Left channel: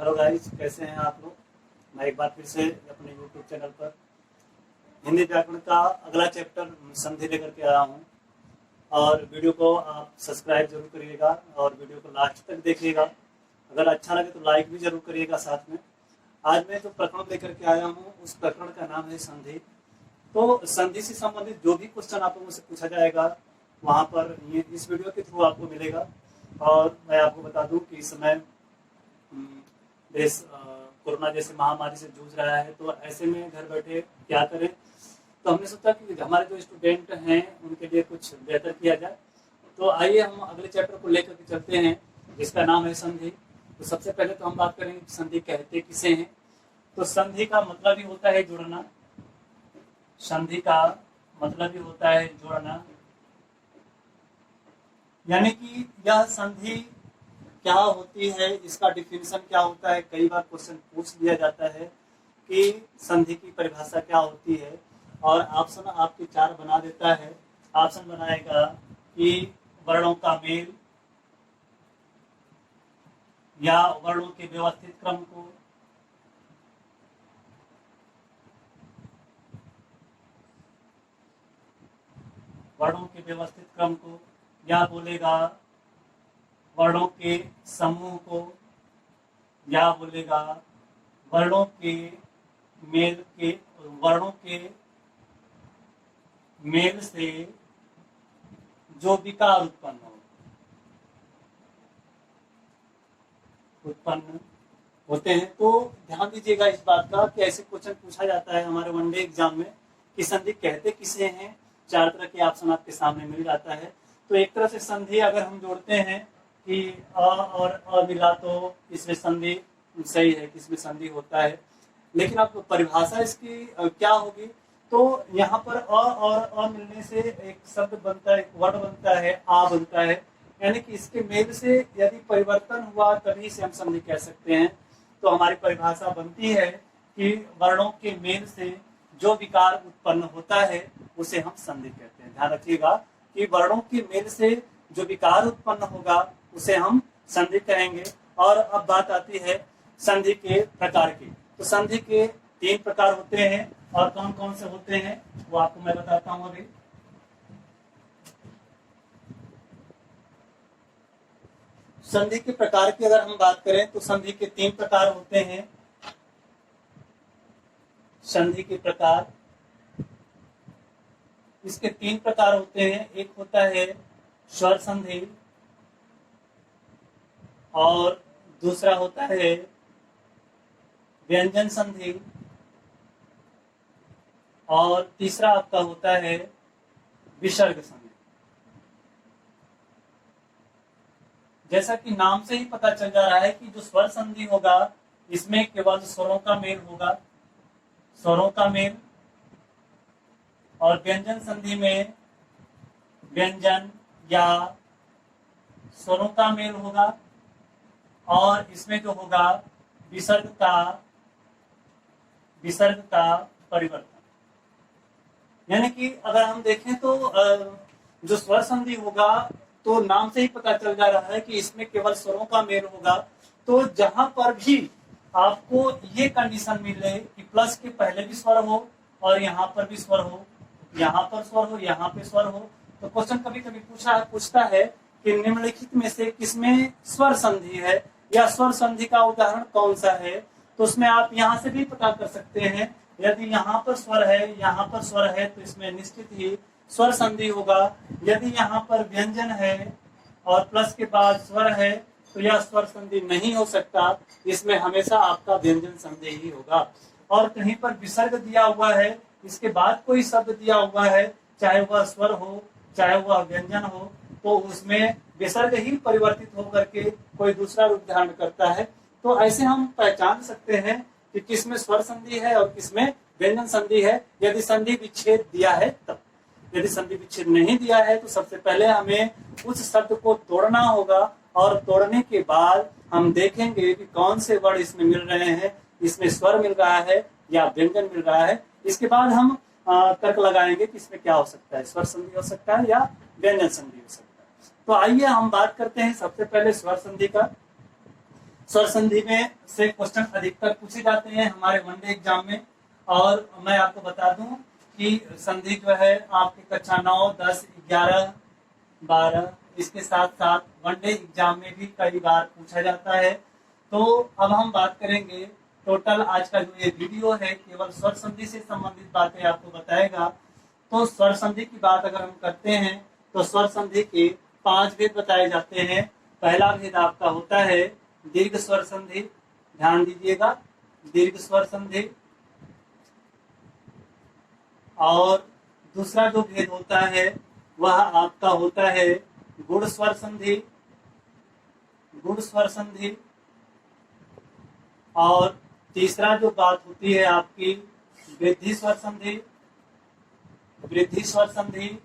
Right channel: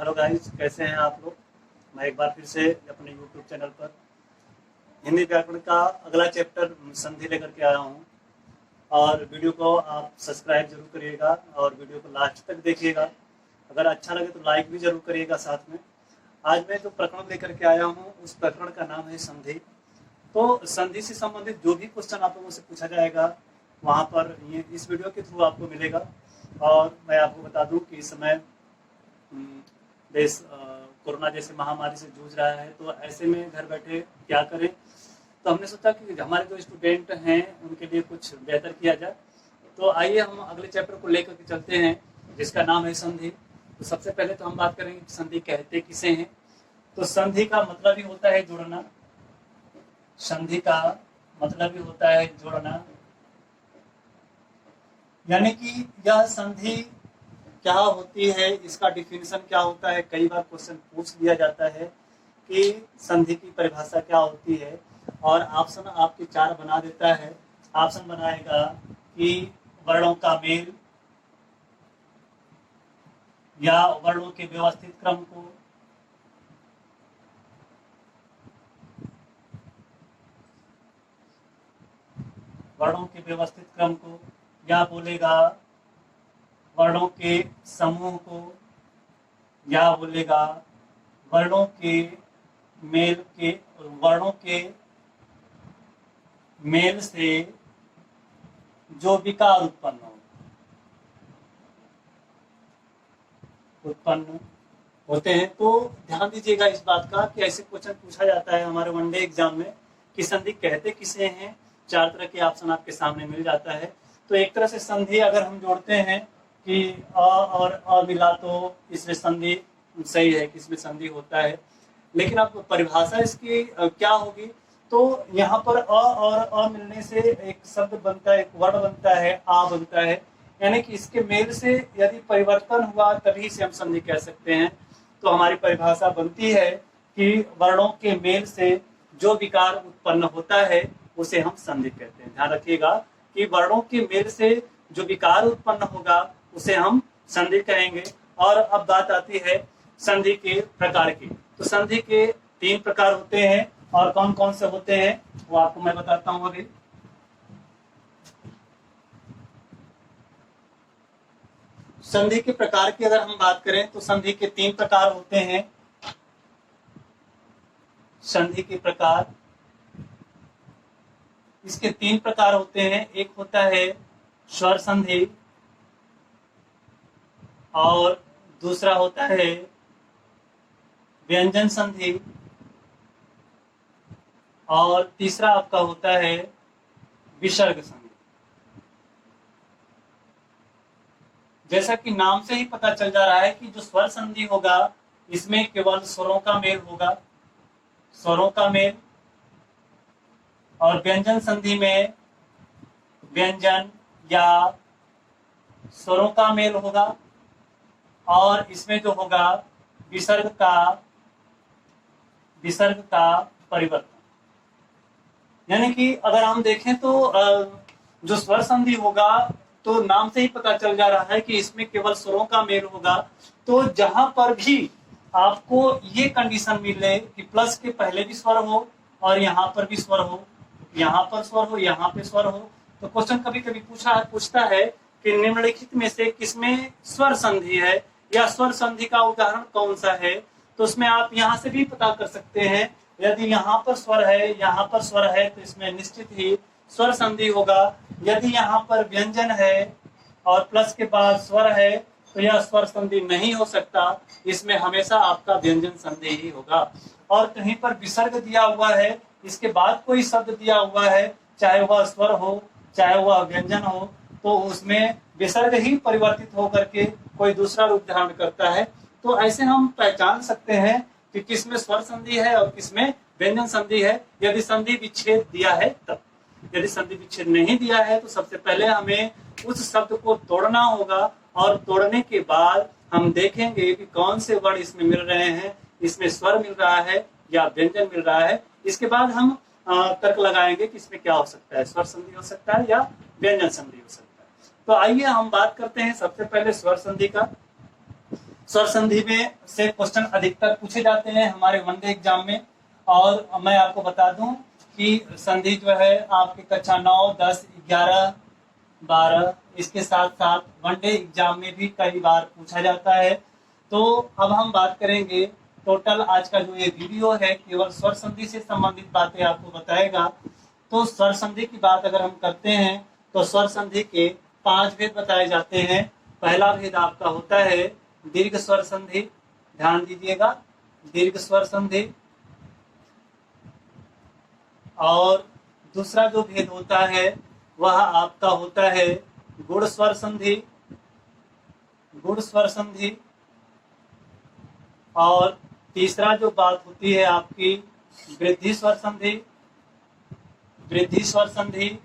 Hello guys, कैसे हैं आप लोग। मैं एक बार फिर से अपने यूट्यूब चैनल पर हिंदी व्याकरण का अगला चैप्टर संधि लेकर के आया हूं। और वीडियो को आप सब्सक्राइब जरूर करिएगा और वीडियो को लास्ट तक देखिएगा। अगर अच्छा लगे तो लाइक भी जरूर करिएगा साथ में। आज मैं जो प्रकरण लेकर के आया हूँ उस प्रकरण का नाम है संधि। तो संधि से संबंधित जो भी क्वेश्चन आप लोगों से पूछा जाएगा वहाँ पर ये इस वीडियो के थ्रू आपको मिलेगा। और मैं आपको बता दूं कि इस समय देश कोरोना जैसे महामारी से जूझ रहा है, तो ऐसे में घर बैठे क्या करें। तो हमने सोचा कि हमारे जो स्टूडेंट हैं उनके लिए कुछ बेहतर किया जाए। तो आइए हम अगले चैप्टर को लेकर के चलते हैं जिसका नाम है संधि। तो सबसे पहले तो हम बात करेंगे कि संधि कहते किसे हैं। तो संधि का मतलब ही होता है जोड़ना। संधि का मतलब ही होता है जोड़ना, यानी कि यह संधि क्या होती है, इसका डिफिनेशन क्या होता है। कई बार क्वेश्चन पूछ लिया जाता है कि संधि की परिभाषा क्या होती है, और ऑप्शन आपके 4 बना देता है। ऑप्शन बनाएगा कि वर्णों का मेल या वर्णों के व्यवस्थित क्रम को, वर्णों के व्यवस्थित क्रम को, या बोलेगा वर्णों के समूह को, या बोलेगा वर्णों के मेल से जो विकार उत्पन्न होते हैं। तो ध्यान दीजिएगा इस बात का कि ऐसे क्वेश्चन पूछा जाता है हमारे वनडे एग्जाम में कि संधि कहते किसे हैं। 4 तरह के ऑप्शन आपके सामने मिल जाता है। तो एक तरह से संधि अगर हम जोड़ते हैं कि अ और अ मिला तो इसमें संधि सही है कि इसमें संधि होता है। लेकिन अब परिभाषा इसकी क्या होगी, तो यहाँ पर अ और अ मिलने से एक शब्द बनता है, एक वर्ण बनता है, आ बनता है। यानी कि इसके मेल से यदि परिवर्तन हुआ तभी से हम संधि कह सकते हैं। तो हमारी परिभाषा बनती है कि वर्णों के मेल से जो विकार उत्पन्न होता है उसे हम संधि कहते हैं। ध्यान रखिएगा कि वर्णों के मेल से जो विकार उत्पन्न होगा उसे हम संधि कहेंगे। और अब बात आती है संधि के प्रकार की। तो संधि के 3 प्रकार होते हैं, और कौन कौन से होते हैं वो आपको मैं बताता हूं अभी। संधि के प्रकार की अगर हम बात करें तो संधि के 3 प्रकार होते हैं। संधि के प्रकार, इसके 3 प्रकार होते हैं। एक होता है स्वर संधि, और दूसरा होता है व्यंजन संधि, और तीसरा आपका होता है विसर्ग संधि। जैसा कि नाम से ही पता चल जा रहा है कि जो स्वर संधि होगा इसमें केवल स्वरों का मेल होगा, स्वरों का मेल। और व्यंजन संधि में व्यंजन या स्वरों का मेल होगा, और इसमें जो होगा विसर्ग का परिवर्तन। यानी कि अगर हम देखें तो जो स्वर संधि होगा तो नाम से ही पता चल जा रहा है कि इसमें केवल स्वरों का मेल होगा। तो जहां पर भी आपको ये कंडीशन मिले कि प्लस के पहले भी स्वर हो और यहाँ पर भी स्वर हो, यहाँ पर स्वर हो, यहाँ पे स्वर हो, तो क्वेश्चन कभी कभी पूछता है कि निम्नलिखित में से किसमें स्वर संधि है, या स्वर संधि का उदाहरण कौन सा है। तो उसमें आप यहाँ से भी पता कर सकते हैं। यदि यहाँ पर स्वर है, यहाँ पर स्वर है, तो इसमें निश्चित ही स्वर संधि होगा। यदि यहाँ पर व्यंजन है और प्लस के बाद स्वर है तो यह स्वर संधि नहीं हो सकता, इसमें हमेशा आपका व्यंजन संधि ही होगा। और कहीं पर विसर्ग दिया हुआ है, इसके बाद कोई शब्द दिया हुआ है, चाहे वह स्वर हो चाहे वह व्यंजन हो, तो उसमें विसर्ग ही परिवर्तित होकर के कोई दूसरा रूप धारण करता है। तो ऐसे हम पहचान सकते हैं कि किसमें स्वर संधि है और किसमें व्यंजन संधि है, यदि संधि विच्छेद दिया है तब। यदि संधि विच्छेद नहीं दिया है तो सबसे पहले हमें उस शब्द को तोड़ना होगा, और तोड़ने के बाद हम देखेंगे कि कौन से वर्ण इसमें मिल रहे हैं, इसमें स्वर मिल रहा है या व्यंजन मिल रहा है। इसके बाद हम तर्क लगाएंगे कि इसमें क्या हो सकता है, स्वर संधि हो सकता है या व्यंजन संधि हो सकता है। तो आइए हम बात करते हैं सबसे पहले स्वर संधि का। स्वर संधि में से क्वेश्चन अधिकतर पूछे जाते हैं हमारे वनडे एग्जाम में। और मैं आपको बता दूं कि संधि जो है आपके कक्षा 9, 10, 11, 12 इसके साथ साथ वनडे एग्जाम में भी कई बार पूछा जाता है। तो अब हम बात करेंगे, टोटल आज का जो ये वीडियो है केवल स्वर संधि से संबंधित बातें आपको बताएगा। तो स्वर संधि की बात अगर हम करते हैं तो स्वर संधि के 5 भेद बताए जाते हैं। पहला भेद आपका होता है दीर्घ स्वर संधि, ध्यान दीजिएगा, दीर्घ स्वर संधि। और दूसरा जो भेद होता है वह आपका होता है गुण स्वर संधि, गुण स्वर संधि। और तीसरा जो बात होती है आपकी वृद्धि स्वर संधि, वृद्धि स्वर संधि।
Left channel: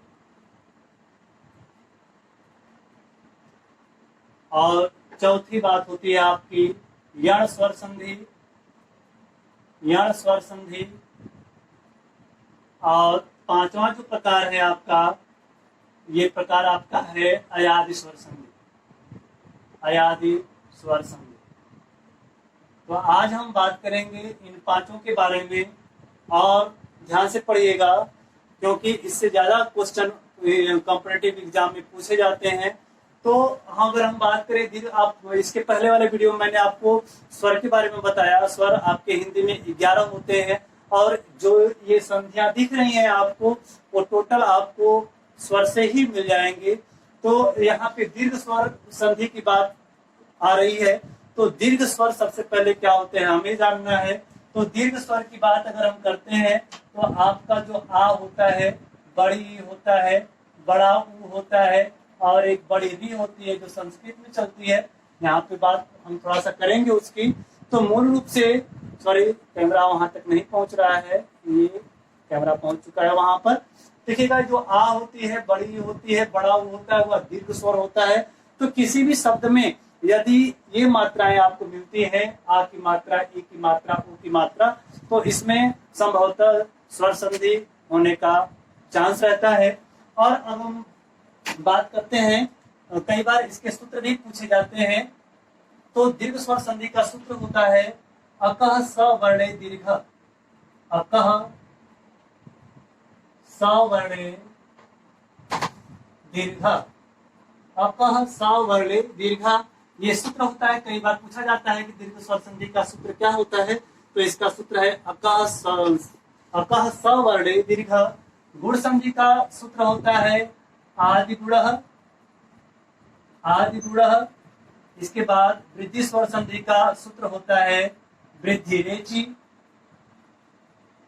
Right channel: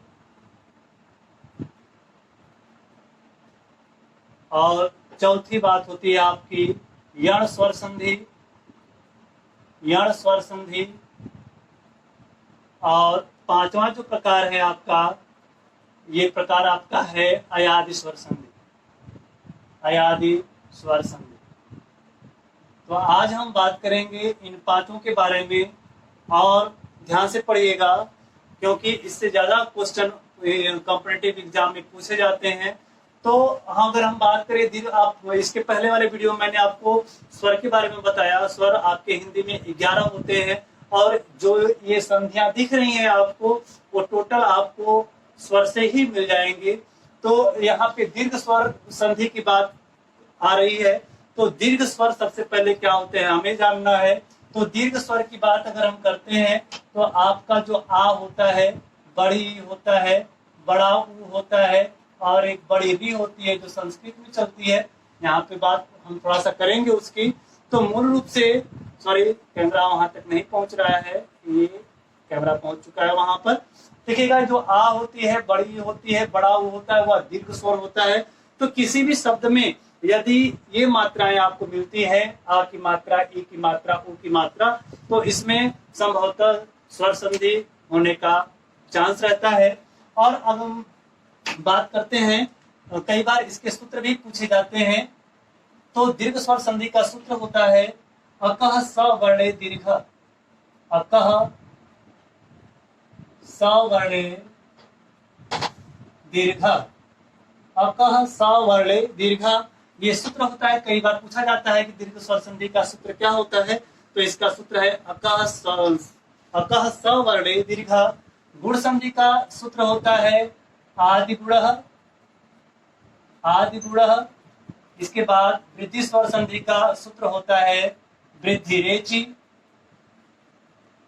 और चौथी बात होती है आपकी यण स्वर संधि, यण स्वर संधि। और पांचवा जो प्रकार है आपका, ये प्रकार आपका है अयादि स्वर संधि, अयादि स्वर संधि। तो आज हम बात करेंगे इन पांचों के बारे में, और ध्यान से पढ़िएगा क्योंकि इससे ज्यादा क्वेश्चन कॉम्पिटिटिव एग्जाम में पूछे जाते हैं। तो अगर हम बात करें दीर्घ, आप इसके पहले वाले वीडियो में मैंने आपको स्वर के बारे में बताया। स्वर आपके हिंदी में 11 होते हैं, और जो ये संधियां दिख रही हैं आपको वो टोटल आपको स्वर से ही मिल जाएंगे। तो यहाँ पे दीर्घ स्वर संधि की बात आ रही है। तो दीर्घ स्वर सबसे पहले क्या होते हैं हमें जानना है। तो दीर्घ स्वर की बात अगर हम करते हैं तो आपका जो आ होता है बड़ी होता है, बड़ा ऊ होता है, और एक बड़ी री होती है जो संस्कृत में चलती है। यहाँ पे बात हम थोड़ा सा करेंगे उसकी। तो मूल रूप से, सॉरी कैमरा वहां तक नहीं पहुंच रहा है, ये कैमरा पहुंच चुका है वहां पर। देखिएगा जो आ होती है, बड़ी होती है, बड़ा ऊ होता है, वह दीर्घ स्वर होता है। तो किसी भी शब्द में यदि ये मात्राएं आपको मिलती है, आ की मात्रा, ई की मात्रा, ऊ की मात्रा, तो इसमें संभवतः स्वर संधि होने का चांस रहता है। और अब हम बात करते हैं, कई बार इसके सूत्र भी पूछे जाते हैं। तो दीर्घ स्वर संधि का सूत्र होता है अकः सवर्णे दीर्घ, अकः सवर्णे दीर्घ, अकः सवर्णे दीर्घ, ये सूत्र होता है। कई बार पूछा जाता है कि दीर्घ स्वर संधि का सूत्र क्या होता है। तो इसका सूत्र है अकः सवर्णे दीर्घ। गुण संधि का सूत्र होता है आदिगुणः, आदिगुणः। इसके बाद वृद्धि स्वर संधि का सूत्र होता है वृद्धि रेचि।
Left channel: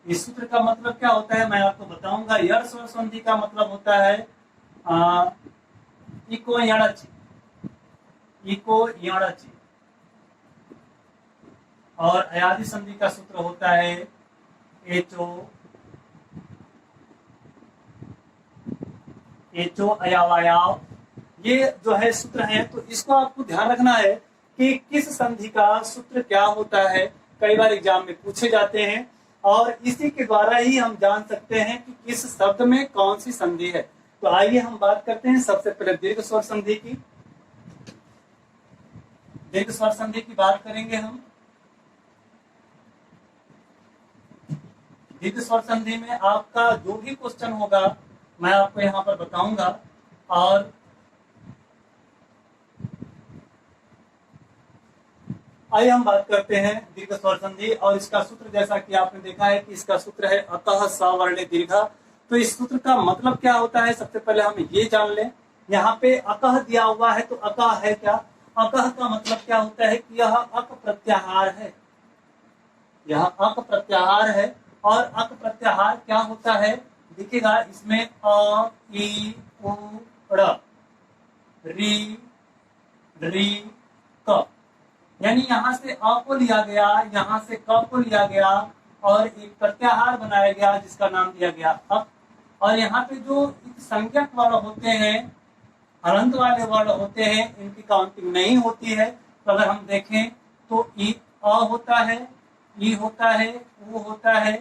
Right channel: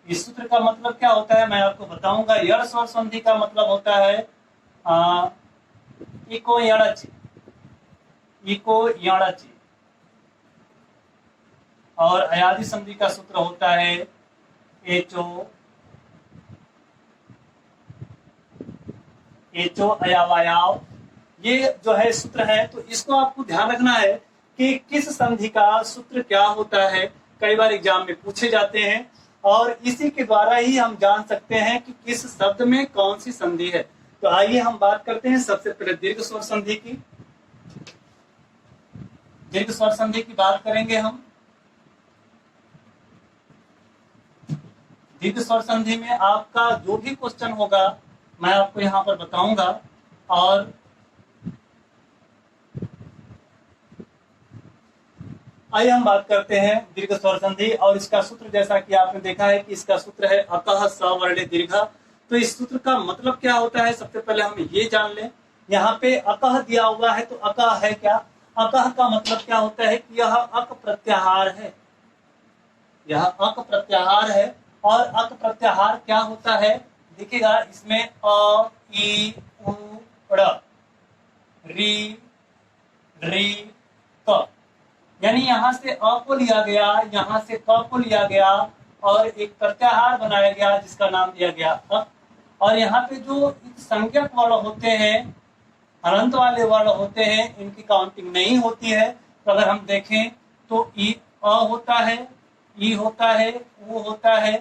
इस सूत्र का मतलब क्या होता है मैं आपको बताऊंगा। यण स्वर संधि का मतलब होता है इको यणचि, इको यणचि। और अयादि संधि का सूत्र होता है एचो, एचो अयावयाव। ये जो है सूत्र है, तो इसको आपको ध्यान रखना है कि किस संधि का सूत्र क्या होता है। कई बार एग्जाम में पूछे जाते हैं, और इसी के द्वारा ही हम जान सकते हैं कि किस शब्द में कौन सी संधि है। तो आइए हम बात करते हैं सबसे पहले दीर्घ स्वर संधि की। दीर्घ स्वर संधि की बात करेंगे हम। दीर्घ स्वर संधि में आपका जो भी क्वेश्चन होगा मैं आपको यहाँ पर बताऊंगा। और आइए हम बात करते हैं दीर्घ स्वर संधि और इसका सूत्र। जैसा कि आपने देखा है कि इसका सूत्र है अकः सवर्णे दीर्घ। तो इस सूत्र का मतलब क्या होता है सबसे पहले हम ये जान लें। यहाँ पे अकः दिया हुआ है, तो अकः है क्या? अकः का मतलब क्या होता है कि यह अक प्रत्याहार है, यह अक प्रत्याहार है। और अक प्रत्याहार क्या होता है देखिएगा, इसमें अ, ई, उ, ड़, री, री, क, यानी यहाँ से अ को लिया गया, यहाँ से क को लिया गया और एक प्रत्याहार बनाया गया जिसका नाम दिया गया अक। और यहाँ पे जो संज्ञक वर्ण होते हैं, हलंत वाले वर्ण होते हैं, इनकी काउंटिंग नहीं होती है। तो अगर हम देखें तो ई अ होता है, ई होता है, उ होता है,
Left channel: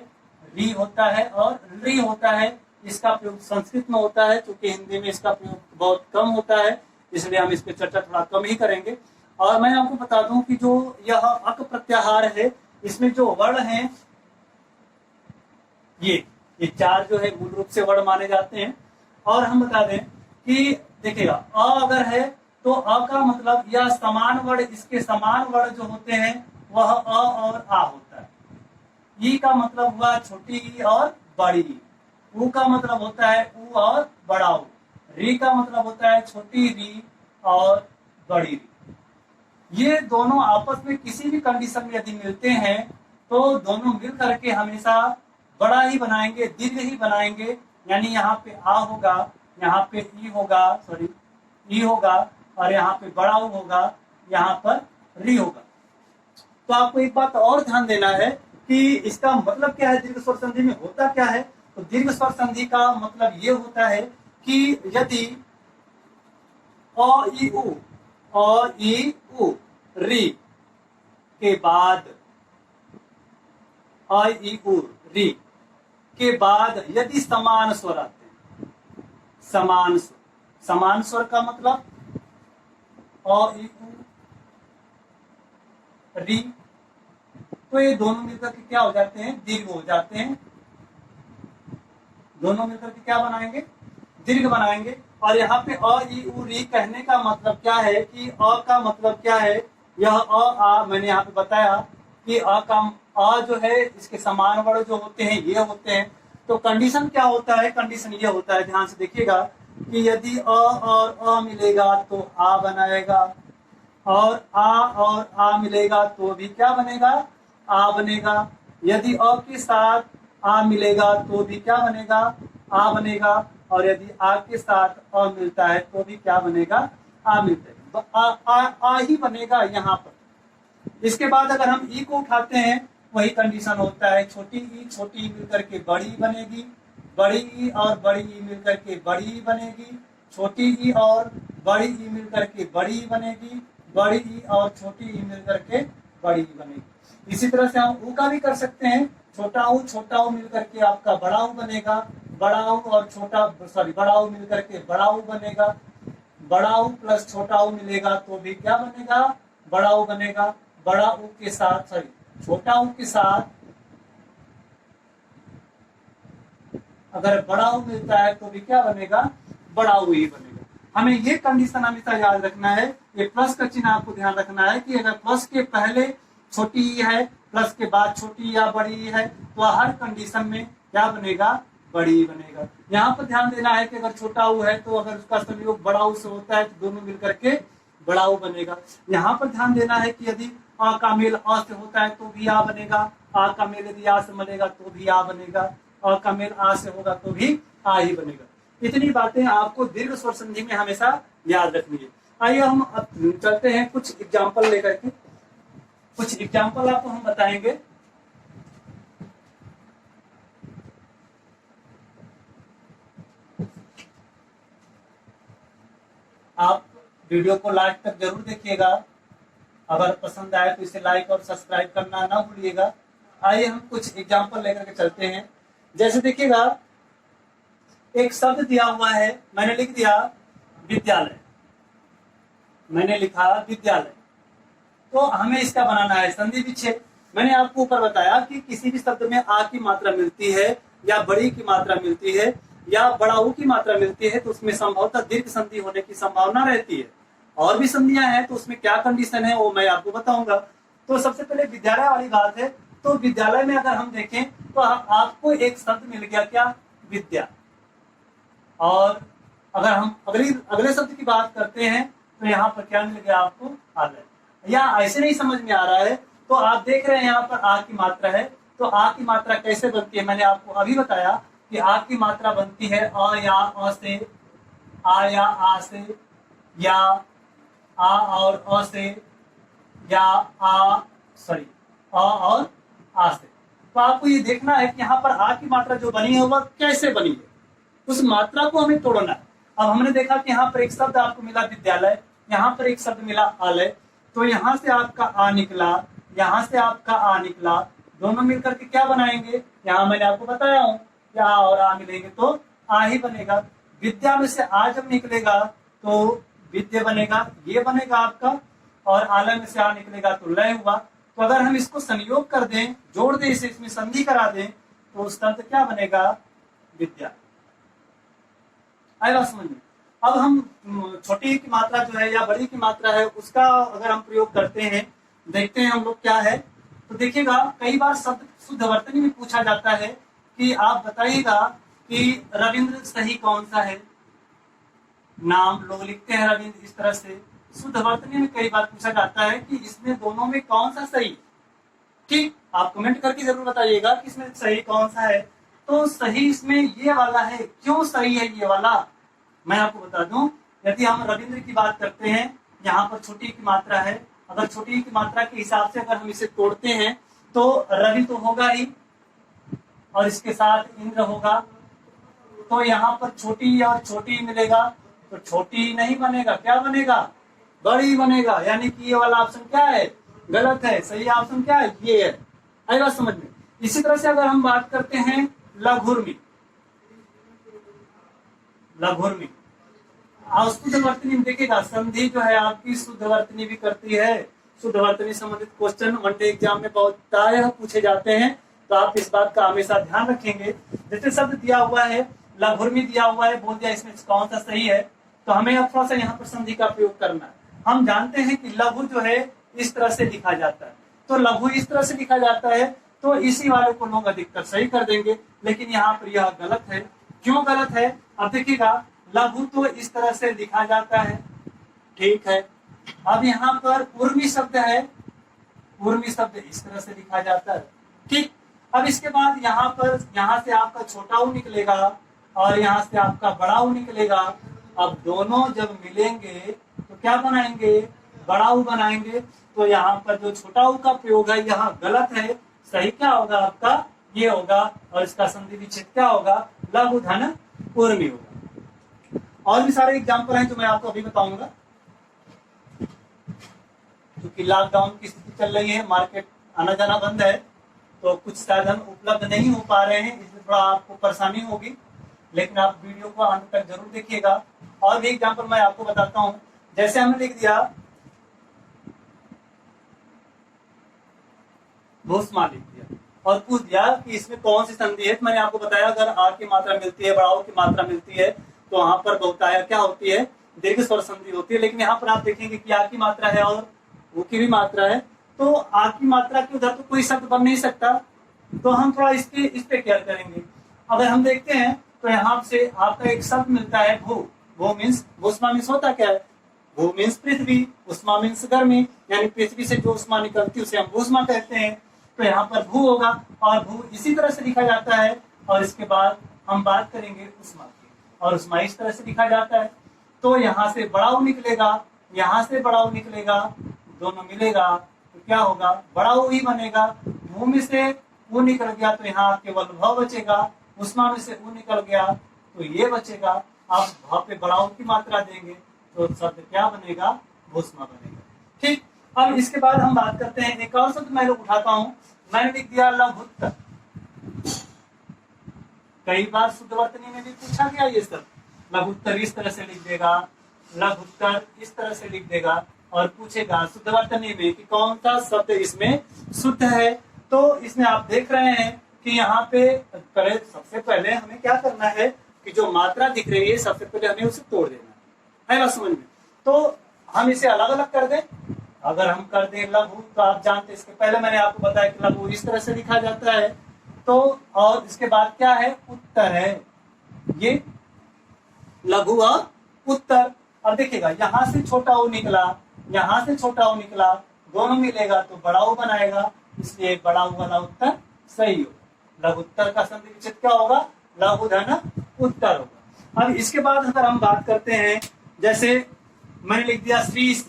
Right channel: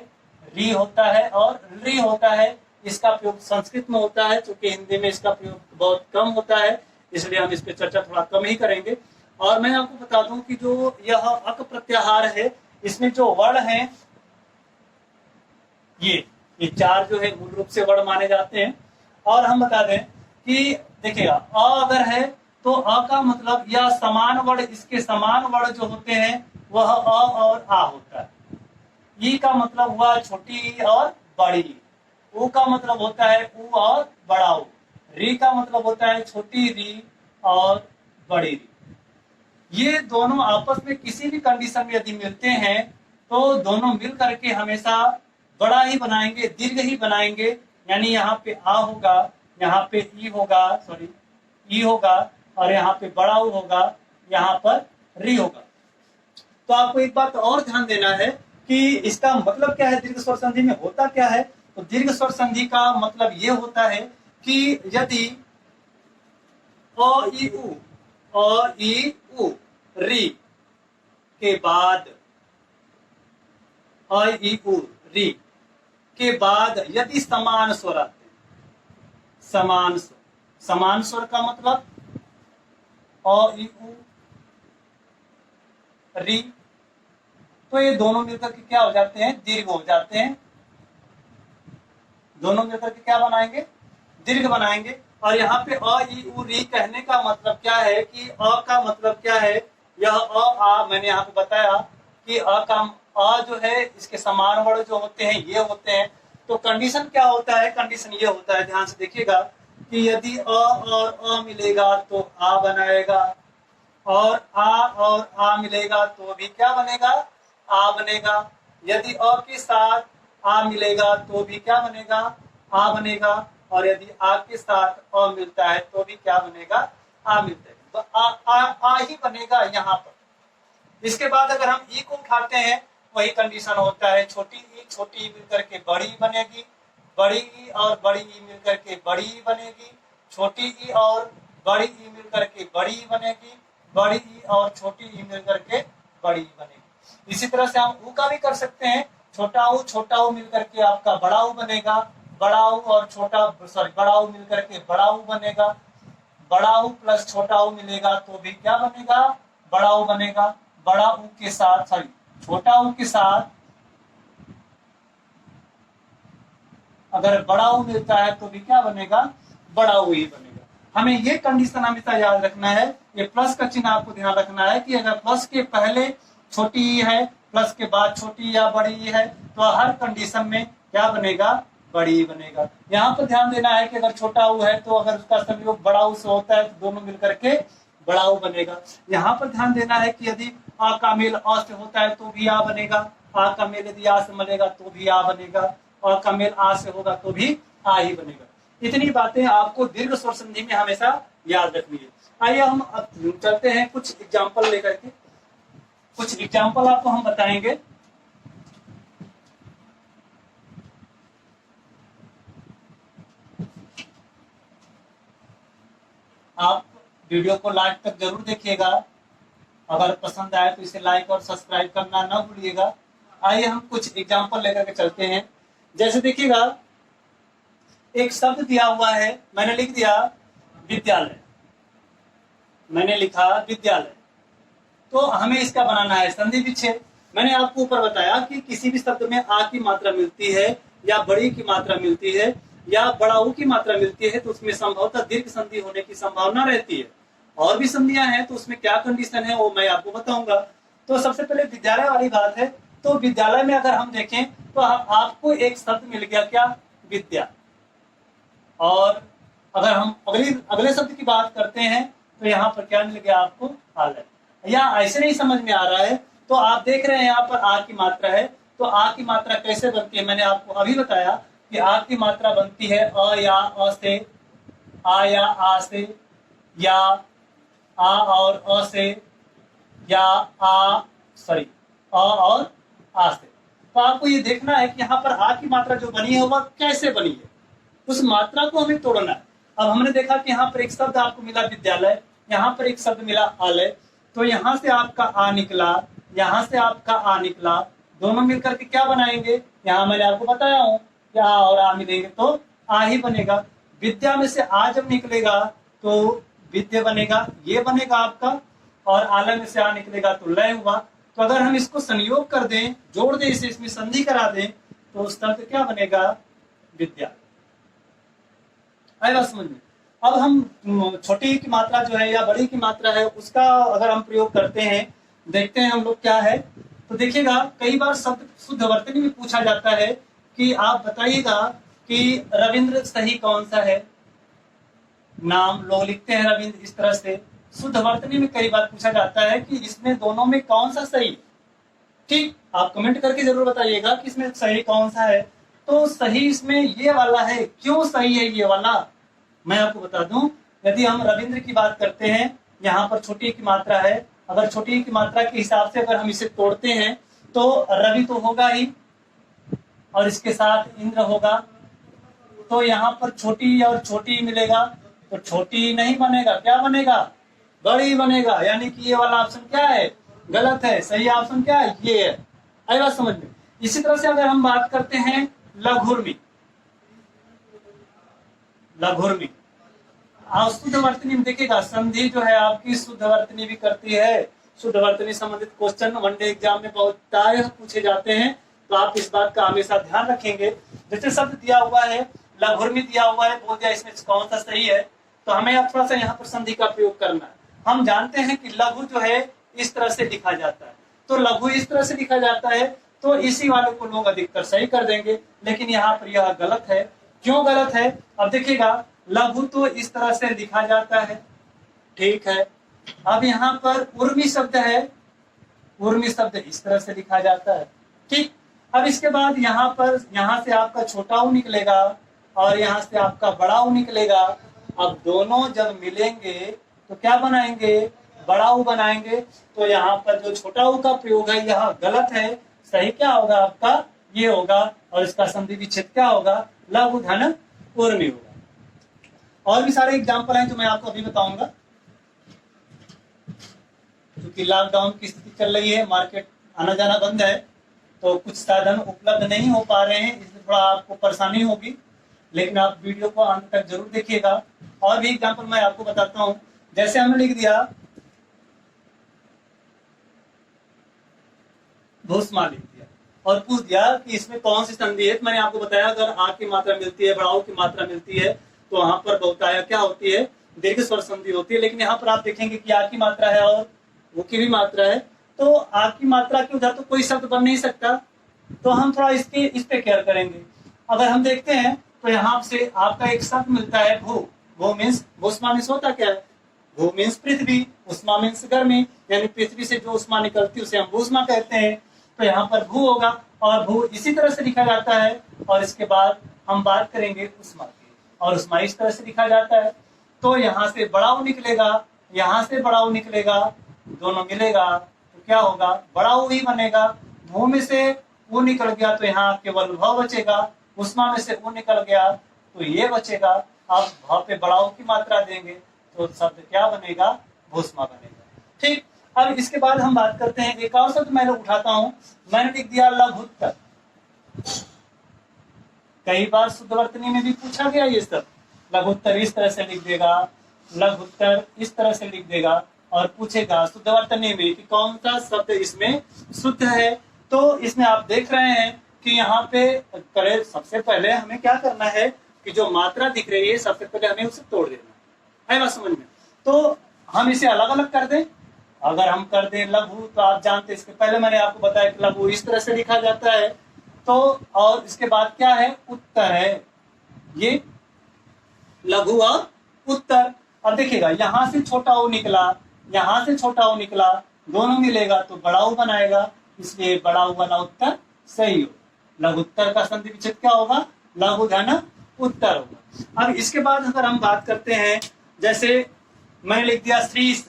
री होता है और री होता है। इसका प्रयोग संस्कृत में होता है, क्योंकि हिंदी में इसका प्रयोग बहुत कम होता है, इसलिए हम इस पर चर्चा थोड़ा कम ही करेंगे। और मैं आपको बता दूं कि जो यह अक प्रत्याहार है, इसमें जो वर्ण है ये चार जो है मूल रूप से वर्ण माने जाते हैं। और हम बता दें कि देखिएगा अ अगर है तो अ का मतलब या समान वर्ण, इसके समान वर्ण जो होते हैं वह अ और आ होता है। ई का मतलब हुआ छोटी ई और बड़ी ई। उ का मतलब होता है उ और बड़ा उ। री का मतलब होता है छोटी री और बड़ी री। ये दोनों आपस में किसी भी कंडीशन में यदि मिलते हैं तो दोनों मिल करके हमेशा बड़ा ही बनाएंगे, दीर्घ ही बनाएंगे। यानी यहाँ पे आ होगा, यहाँ पे ई होगा, सॉरी ई होगा, और यहाँ पे बड़ा ऊ होगा, यहाँ पर री होगा। तो आपको एक बात और ध्यान देना है कि इसका मतलब क्या है, दीर्घ स्वर संधि में होता क्या है। तो दीर्घ स्वर संधि का मतलब ये होता है कि यदि अ ई उ री के बाद अ ई उ री के बाद यदि समान स्वर आते हैं, समान स्वर का मतलब अ ई उ री, तो ये दोनों मिलकर के क्या हो जाते हैं, दीर्घ हो जाते हैं। दोनों मिलकर के क्या बनाएंगे, दीर्घ बनाएंगे। और यहाँ पे अ ई उ री कहने का मतलब क्या है कि अ का मतलब क्या है, यह अ आ मैंने यहाँ पे बताया कि अ का अ जो है इसके समान वर्ण जो होते हैं ये होते हैं। तो कंडीशन क्या होता है, कंडीशन ये होता है, ध्यान से देखिएगा कि यदि अ और अ मिलेगा तो आ बनाएगा, और आ मिलेगा तो भी क्या बनेगा, आ बनेगा। यदि अ के साथ आ मिलेगा तो भी क्या बनेगा, आ बनेगा। और यदि आ के साथ अ मिलता है तो भी क्या बनेगा, आ मिलता है। तो आ ही बनेगा यहाँ पर। इसके बाद अगर हम ई को उठाते हैं, वही कंडीशन होता है, छोटी ई मिलकर के बड़ी बनेगी, बड़ी ई और बड़ी ई मिलकर के बड़ी बनेगी, छोटी ई और बड़ी ई मिलकर के बड़ी बनेगी, बड़ी ई और छोटी ई मिलकर के बड़ी बनेगी। इसी तरह से हम ऊ का भी कर सकते हैं, छोटा ऊ मिलकर के आपका बड़ा ऊ बनेगा, बड़ा ऊ और बड़ा ऊ मिलकर के बड़ा ऊ बनेगा, बड़ा ऊ प्लस छोटा ऊ मिलेगा तो भी क्या बनेगा, बड़ा ऊ बनेगा। बड़ा ऊ के साथ छोटा ऊ के साथ अगर बड़ा ऊ मिलता है तो भी क्या बनेगा, बड़ा ऊ ही बनेगा। हमें ये कंडीशन हमेशा याद रखना है, ये प्लस का चिन्ह आपको ध्यान रखना है कि अगर प्लस के पहले छोटी ई है, प्लस के बाद छोटी या बड़ी ई है, तो हर कंडीशन में क्या बनेगा, बड़ी बनेगा। यहाँ पर ध्यान देना है कि अगर छोटा ऊ है तो अगर उसका संयोग बड़ा ऊ से होता है तो दोनों मिलकर के बड़ा ऊ बनेगा। यहाँ पर ध्यान देना है कि यदि आ का मेल अ से होता है तो भी आ बनेगा, आ का मेल यदि आ से मिलेगा तो भी आ बनेगा, अ का मेल आ से होगा तो भी आ ही बनेगा। इतनी बातें आपको दीर्घ स्वर संधि में हमेशा याद रखनी है। आइए हम अब चलते हैं कुछ एग्जाम्पल लेकर के, कुछ एग्जाम्पल आपको हम बताएंगे। आप वीडियो को लास्ट तक जरूर देखिएगा, अगर पसंद आए तो इसे लाइक और सब्सक्राइब करना ना भूलिएगा। आइए हम कुछ एग्जाम्पल लेकर के चलते हैं। जैसे देखिएगा एक शब्द दिया हुआ है, मैंने लिख दिया विद्यालय, मैंने लिखा विद्यालय, तो हमें इसका बनाना है संधि विच्छेद। मैंने आपको ऊपर बताया कि किसी भी शब्द में आ की मात्रा मिलती है या बड़ी की मात्रा मिलती है या बड़ा ऊ की मात्रा मिलती है तो उसमें संभवतः दीर्घ संधि होने की संभावना रहती है। और भी संधियां हैं तो उसमें क्या कंडीशन है वो मैं आपको बताऊंगा। तो सबसे पहले विद्यालय वाली बात है, तो विद्यालय में अगर हम देखें तो आपको एक शब्द मिल गया, क्या, विद्या। और अगर हम अगले शब्द की बात करते हैं तो यहाँ पर क्या मिल गया आपको, आलय। या ऐसे नहीं समझ में आ रहा है तो आप देख रहे हैं यहाँ पर आ की मात्रा है, तो आ की मात्रा कैसे बनती है, मैंने आपको अभी बताया कि आ की मात्रा बनती है अ या अ से, आ या आ से, या आ और अ से, या आ और आ से। तो आपको ये देखना है कि यहाँ पर आ की मात्रा जो बनी है वह कैसे बनी है, उस मात्रा को हमें तोड़ना है। अब हमने देखा कि यहाँ पर एक शब्द आपको मिला विद्यालय, यहाँ पर एक शब्द मिला आलय, तो यहाँ से आपका आ निकला, यहाँ से आपका आ निकला, दोनों मिलकर के क्या बनाएंगे, यहाँ मैंने आपको बताया हूँ कि आ और आ मिलेंगे तो आ ही बनेगा। विद्या में से आ जब निकलेगा तो विद्या बनेगा, ये बनेगा आपका। और आलंग से आ निकलेगा तो लय हुआ। तो अगर हम इसको संयोग कर दें, जोड़ दें, इसे इसमें संधि करा दें, तो उस शब्द क्या बनेगा? विद्या। आएगा समझ में? अब हम छोटी की मात्रा जो है या बड़ी की मात्रा है उसका अगर हम प्रयोग करते हैं, देखते हैं हम लोग क्या है। तो देखिएगा कई बार शब्द शुद्ध वर्तनी में पूछा जाता है कि आप बताइएगा कि रविंद्र सही कौन सा है। नाम लोग लिखते हैं रविंद्र इस तरह से। शुद्ध वर्तनी में कई बार पूछा जाता है कि इसमें दोनों में कौन सा सही। ठीक, आप कमेंट करके जरूर बताइएगा कि इसमें सही कौन सा है। तो सही इसमें ये वाला है। क्यों सही है ये वाला, मैं आपको बता दूं। यदि हम रविंद्र की बात करते हैं, यहाँ पर छोटी की मात्रा है, अगर छोटी की मात्रा के हिसाब से अगर हम इसे तोड़ते हैं तो रवि तो होगा ही और इसके साथ इंद्र होगा। तो यहाँ पर छोटी और छोटी मिलेगा, तो छोटी नहीं बनेगा, क्या बनेगा? बड़ी बनेगा। यानी कि ये वाला ऑप्शन क्या है? गलत है। सही ऑप्शन क्या है? ये है। आई बात समझ में? इसी तरह से अगर हम बात करते हैं लघुर्मी, लघुर्मी शुद्ध वर्तनी में देखिएगा संधि जो है आपकी शुद्ध वर्तनी भी करती है। शुद्ध वर्तनी संबंधित क्वेश्चन वनडे एग्जाम में बहुतायत पूछे जाते हैं, तो आप इस बात का हमेशा ध्यान रखेंगे। जैसे शब्द दिया हुआ है लघुर्मी दिया हुआ है, बोल दिया इसमें कौन सा सही है, तो हमें अब थोड़ा सा यहाँ पर संधि का प्रयोग करना है। हम जानते हैं कि लघु जो है इस तरह से लिखा जाता है, तो लघु इस तरह से लिखा जाता है, तो इसी वाले को लोग अधिकतर सही कर देंगे। लेकिन यहाँ पर यह गलत है। क्यों गलत है? अब देखिएगा लघु तो इस तरह से लिखा जाता है, ठीक है। अब यहाँ पर उर्मी शब्द है, उर्मी शब्द इस तरह से लिखा जाता है, ठीक। अब इसके बाद यहाँ पर यहाँ से आपका छोटा ऊ निकलेगा और यहाँ से आपका बड़ा ऊ निकलेगा। अब दोनों जब मिलेंगे तो क्या बनाएंगे? बड़ा ऊ बनाएंगे। तो यहाँ पर जो छोटा ऊ का प्रयोग है यहाँ गलत है। सही क्या होगा आपका? ये होगा। और इसका संधि विच्छेद क्या होगा? लघु धन उर्मी होगा। और भी सारे एग्जाम्पल हैं जो मैं आपको अभी बताऊंगा। क्योंकि लॉकडाउन की स्थिति चल रही है, मार्केट आना जाना बंद है, तो कुछ साधन उपलब्ध नहीं हो पा रहे हैं, इसलिए थोड़ा आपको परेशानी होगी। लेकिन आप वीडियो को अंत तक जरूर देखिएगा। और भी एग्जाम्पल मैं आपको बताता हूं। जैसे हमने लिख दिया भूस्मा, लिख दिया और पूछ दिया कि इसमें कौन सी संधि है। तो मैंने आपको बताया अगर आ की मात्रा मिलती है, बड़ाऊ की मात्रा मिलती है, तो वहां पर बहुतायत क्या होती है? दीर्घ स्वर संधि होती है। लेकिन यहाँ पर आप देखेंगे कि आ की मात्रा है और वो की भी मात्रा है, तो आ की मात्रा के उधर तो कोई शब्द बन नहीं सकता। तो हम थोड़ा इस पे केयर करेंगे। अगर हम देखते हैं तो यहाँ से आपका एक शब्द मिलता है भू। भू मीन्स, भूस्मा मीन्स होता क्या है? भू मीन्स पृथ्वी, उष्मा मीन्स गर्मी, यानी पृथ्वी से जो उष्मा निकलती है उसे हम भूस्मा कहते हैं। तो यहाँ पर भू होगा और भू इसी तरह से लिखा जाता है। और इसके बाद हम बात करेंगे उष्मा की, और उष्मा इस तरह से लिखा जाता है। तो यहाँ से बड़ा ऊ निकलेगा, यहाँ से बड़ा ऊ निकलेगा, दोनों मिलेगा तो क्या होगा? बड़ा ऊ ही बनेगा। भू में से ऊ निकल गया तो यहाँ केवल भाव बचेगा। उष्मा में से ऊ निकल गया तो ये बचेगा। आप भाव पे बड़ा ऊ की मात्रा देंगे तो शब्द क्या बनेगा? भूस्मा बनेगा, ठीक। अब इसके बाद हम बात करते हैं एक और शब्द मैं उठाता हूं। मैंने लिख दिया लघुत्तर। कई बार शुद्ध वर्तनी में भी पूछा गया ये शब्द। लघुत्तर इस तरह से लिख देगा, लघुत्तर इस तरह से लिख देगा और पूछेगा शुद्ध वर्तनी में कि कौन सा शब्द इसमें शुद्ध है। तो इसमें आप देख रहे हैं कि यहाँ पे करे सबसे पहले हमें क्या करना है कि जो मात्रा दिख रही है सबसे पहले हमें उसे तोड़ देना है। बात समझ में? तो हम इसे अलग अलग कर दें। अगर हम कर दें लघु, तो आप जानते हैं इसके पहले मैंने आपको बताया कि लघु इस तरह से लिखा जाता है। तो और इसके बाद क्या है? उत्तर है। ये लघु और उत्तर। अब देखिएगा यहाँ से छोटा ऊ निकला, यहाँ से छोटा ऊ निकला, दोनों मिलेगा तो बड़ा ऊ बनाएगा, इसलिए बड़ा ऊ वाला उत्तर सही हो। लघुत्तर का संधि विच्छेद क्या होगा? लघु धन उत्तर होगा। अब इसके बाद अगर हम बात करते हैं, जैसे मैंने लिख दिया श्रीष।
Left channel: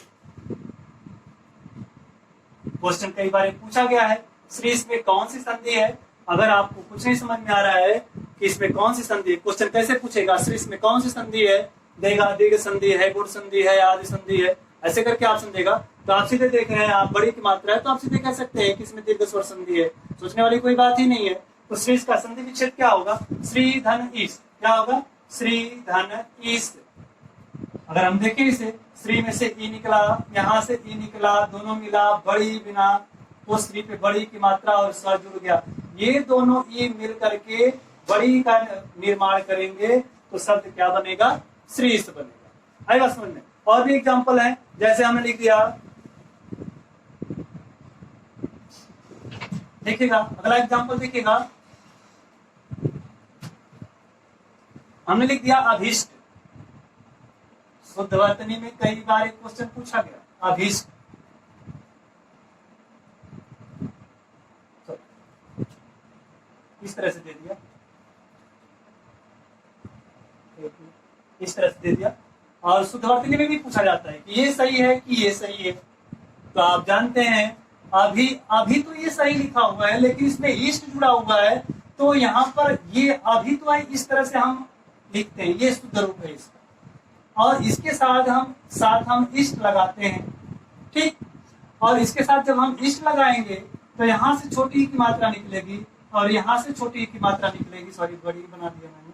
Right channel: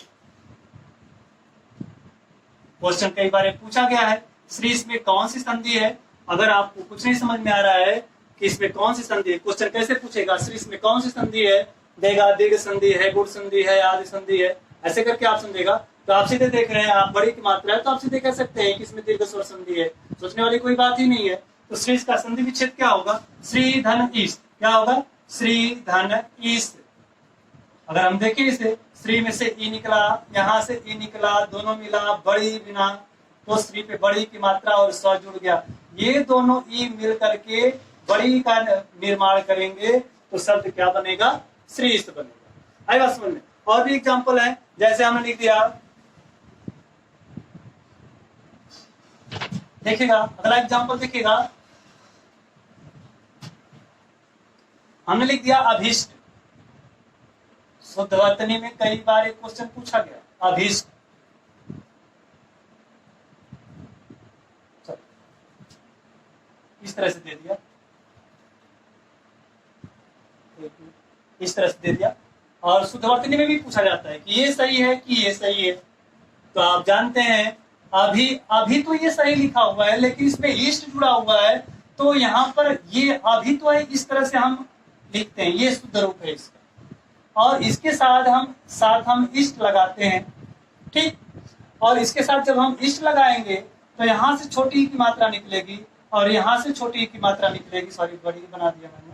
क्वेश्चन कई बार पूछा गया है श्रीष में कौन सी संधि है। अगर आपको कुछ नहीं समझ में आ रहा है कि इसमें कौन सी संधि है, क्वेश्चन कैसे पूछेगा? श्रीष में कौन सी संधि है? देगा दीर्घ संधि है, गुण संधि है, आदि संधि है, ऐसे करके ऑप्शन देगा। तो आप सीधे देख रहे हैं, आप बड़ी की मात्रा है तो आप सीधे कह सकते हैं कि इसमें दीर्घ स्वर संधि है। सोचने वाली कोई बात ही नहीं है। तो श्री का संधि विच्छेद क्या होगा? श्री धन ईस्ट। क्या होगा? श्री धन ईस्ट। अगर हम देखें इसे, श्री में से ई निकला, यहाँ से ई निकला, दोनों मिला, बड़ी बिना, तो श्री पे बड़ी की मात्रा और स्व जुड़ गया। ये दोनों ई मिल करके बड़ी का निर्माण करेंगे तो शब्द क्या बनेगा? श्री बनेगा। आई बात समझ में? और भी एग्जाम्पल है, जैसे हमने लिख दिया, देखिएगा अगला एग्जाम्पल देखिएगा, हमने लिख दिया अभीष्ट। शुद्ध वर्तनी में कई बार एक क्वेश्चन पूछा गया, अभीष्ट। इस तरह से दे दिया, इस तरह से दे दिया। और शुद्ध वर्तनी में भी पूछा जाता है कि ये सही है कि ये सही है। तो आप जानते हैं अभी तो ये सही लिखा हुआ है, लेकिन इसमें ईस्ट जुड़ा हुआ है, तो यहाँ पर ये अभी तो है, इस तरह से हम लिखते हैं, ये शुद्ध रूप है इसका। और इसके साथ हम इष्ट लगाते हैं, ठीक। और इसके साथ जब हम इष्ट लगाएंगे तो यहाँ से छोटी की मात्रा निकलेगी और यहाँ से छोटी की मात्रा निकलेगी, सॉरी बड़ी बना दिया मैंने,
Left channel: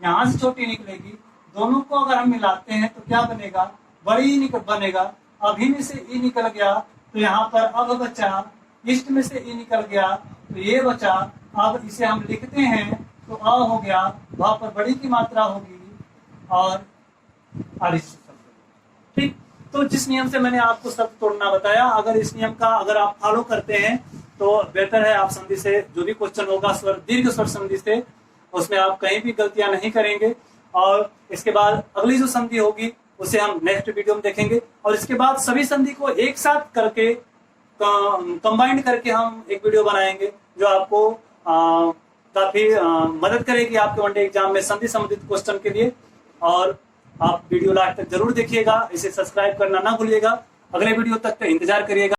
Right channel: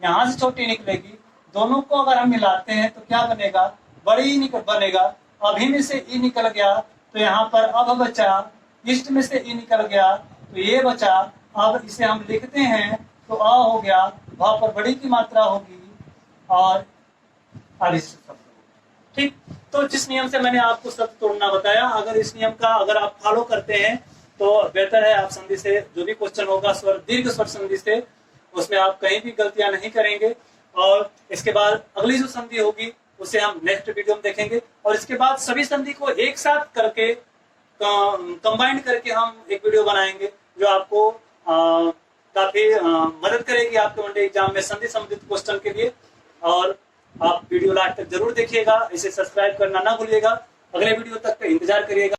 यहाँ से छोटी निकलेगी। दोनों को अगर हम मिलाते हैं तो क्या बनेगा? बड़ी बनेगा। अभी में से ई निकल गया तो यहाँ पर अब बचा, इष्ट में से ई निकल गया तो ये बचा। अब इसे हम लिखते हैं तो अ हो गया, वहां पर बड़ी की मात्रा होगी और ठीक। तो जिस नियम से मैंने आपको शब्द तोड़ना बताया, अगर इस नियम का अगर आप फॉलो करते हैं तो बेहतर है। आप संधि से जो भी क्वेश्चन होगा स्वर दीर्घ स्वर संधि से, उसमें आप कहीं भी गलतियां नहीं करेंगे। और इसके बाद अगली जो संधि होगी उसे हम नेक्स्ट वीडियो में देखेंगे। और इसके बाद सभी संधि को एक साथ करके कंबाइंड करके हम एक वीडियो बनाएंगे जो आपको काफी मदद करेगी आपके वनडे एग्जाम में संधि संबंधित क्वेश्चन के लिए। और आप वीडियो लास्ट तक जरूर देखिएगा, इसे सब्सक्राइब करना ना भूलिएगा। अगले वीडियो तक का इंतजार करिएगा।